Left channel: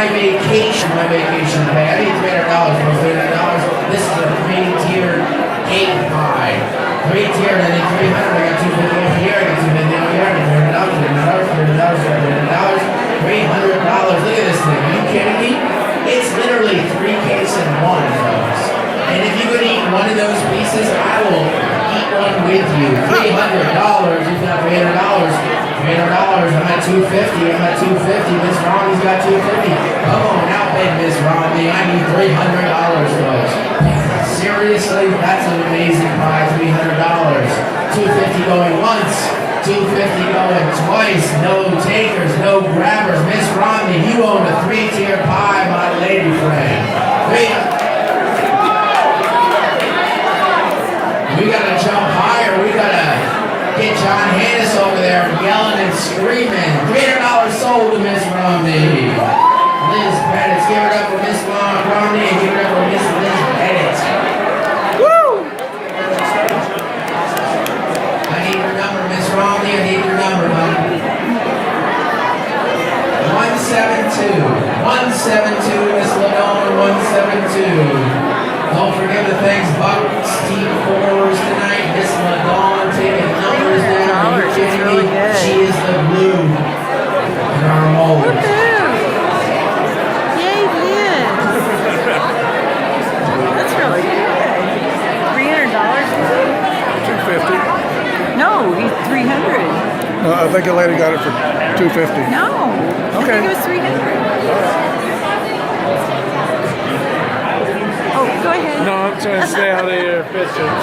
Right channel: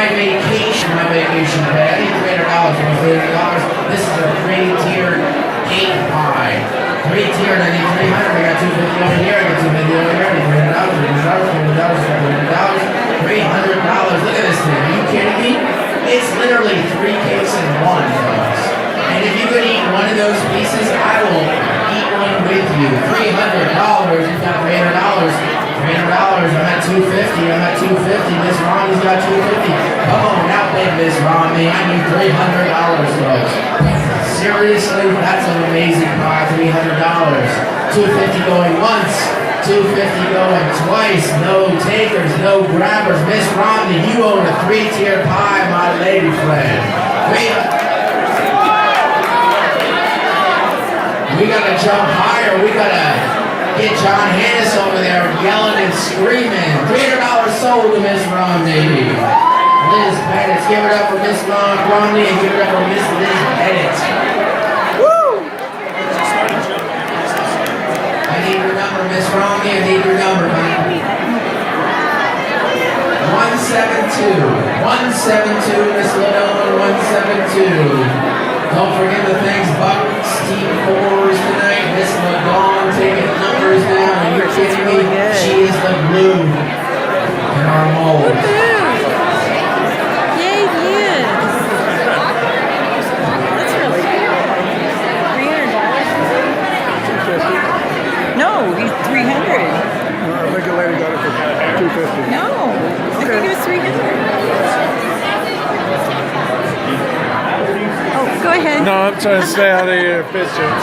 my vacation pay. I need $300 for $30. This is a 3-tiered cake pie. 3-tiered, I need 300. I got 250 over here. I got 250 over here. I need $300. $300. Look at this thing. Are you kidding me? It's literally 3 cakes in one, folks. And if you could eat one of those pieces, I will eat one with you. $300. You've got $300. $300. I'm at 250. I'm at 250. Miss Romney's got 250. Come on out, big Miss Romney. I need $300, folks. Seriously, that's an amazing pie. $300. 250 going once. 250 going twice. No takers, no grabbers. Miss Romney, you own a 3-tier pie, my lady friend. We gotta jump higher. We gotta get John Hannis over there yelling and screaming. $300 sold to Miss Romney. Liz Pettit, give it up for Miss Romney and give it up for Miss Liz Pettit. Woo! I need your number, Miss Romney. I need your number, man. 172. 172, Miss Ladonna, 172. Don't forget the things Bucks team 4s tonight. Miss Madonna taking numbers down. Are you kidding me? She is the glue in our mold. Yay, Liz. That's really good. $300? $250. No, he's 300. Well, I think the lady got it for $250. No, I think it was 300. Oh, go ahead. No, I'm trying to stay out of your picture.